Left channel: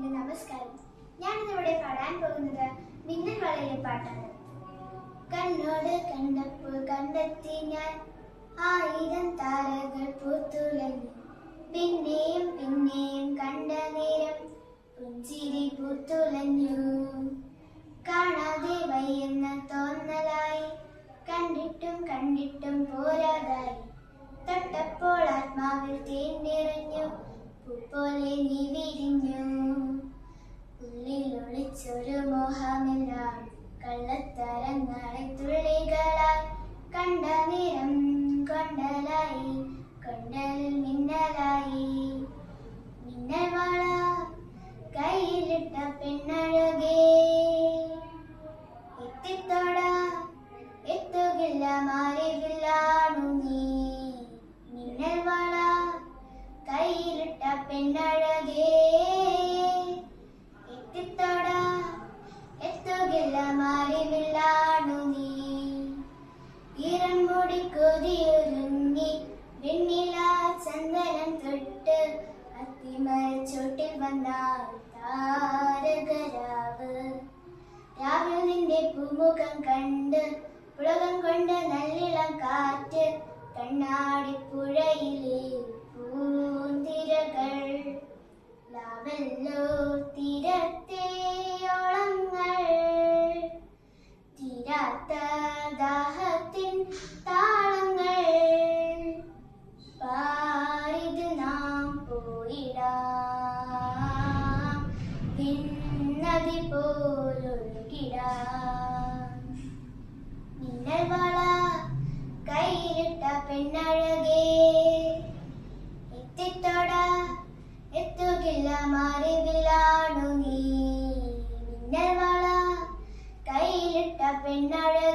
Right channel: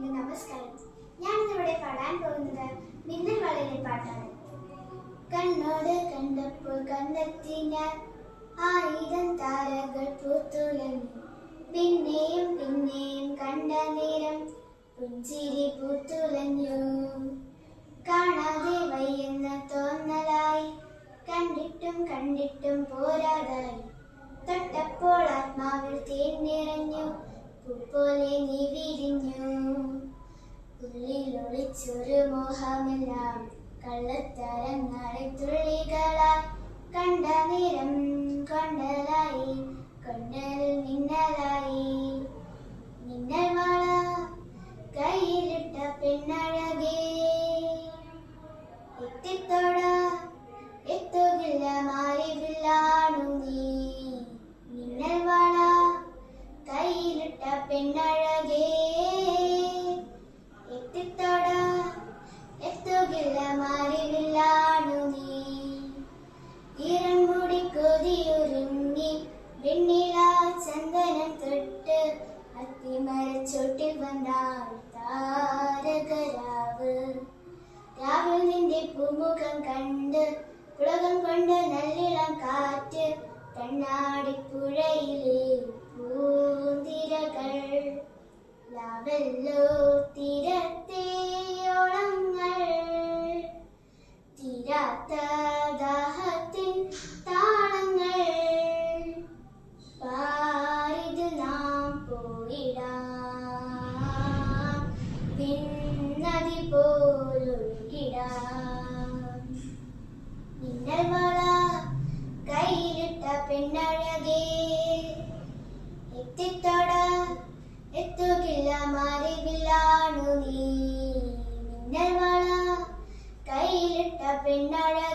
എന്റെ നമസ്കാരം. ഞാനിന്നിവിടെ പാടാൻ പോകുന്നത് മിന്നൽ വളയിലെ പാട്ടാണ്. കണ്ണോട് കണ്ടപ്പോൾ കണ്ടെത്തി ഞാൻ 1000 താരകൾ പൂത്തുലഞ്ഞു. പിന്നെയും പിന്നെയും കണ്ട നേരം പുഞ്ചിരി പൂത്തുലഞ്ഞു. കാണാതെ വയ്യെന്ന തോന്നലായി, കണ്ടിട്ടും കണ്ടിട്ടും പോരാതായി. തൊട്ടപ്പോൾ ആത്മാവിൽ തേൻ നിറഞ്ഞു, പൂപോലെ നീ വിരിഞ്ഞു. ഉള്ളിലൊളിച്ചൊരു മോഹമെല്ലാം കള്ളത്തരങ്ങളെ തുള്ളികളായി. കണ്ട നേരം കൊണ്ടലായി, കൊണ്ടൽ മിന്നലായി. മിന്നൽ വള കയ്യിലിട്ട പെണ്ണഴകേ, എത്തിത്തോട എത്തുകില്ല മാറിവില്ലാണു നീ. മിന്നൽ വള കയ്യിലിട്ട പെണ്ണഴകേ, എത്തിത്തോട എത്തുകില്ല മാറിവില്ലാണു നീ. ഇറൻമുടി കൊതിയൊരുങ്ങി വെണ്ണില ചന്ദനം തൊട്ട് അത്തിമരച്ചോട്ടിൽ വന്നാൽ താരകരാവ്. രാവിൽ നിന്റെ പൂമുഖം കണ്ട് പുളകം കൊണ്ട് നല്ലിളം കാറ്റ്. കണ്ണാടിപ്പുഴയിലെ പൂന്തിരകൾ ലാവല്ലോ തീരത്തെ ഓളങ്ങൾ. തീരാത്ത ദാഹത്തിൻ താളങ്ങൾ പാരിത് നാം പോയിടാം, പിന്നതി പോലൊഴുകിടാം. മിന്നൽ വള കയ്യിലിട്ട പെണ്ണഴകേ, എത്തിത്തോട എത്തുകില്ല മാറിവില്ലാണു നീ. മിന്നൽ വള കയ്യിലിട്ട പെണ്ണഴകേ.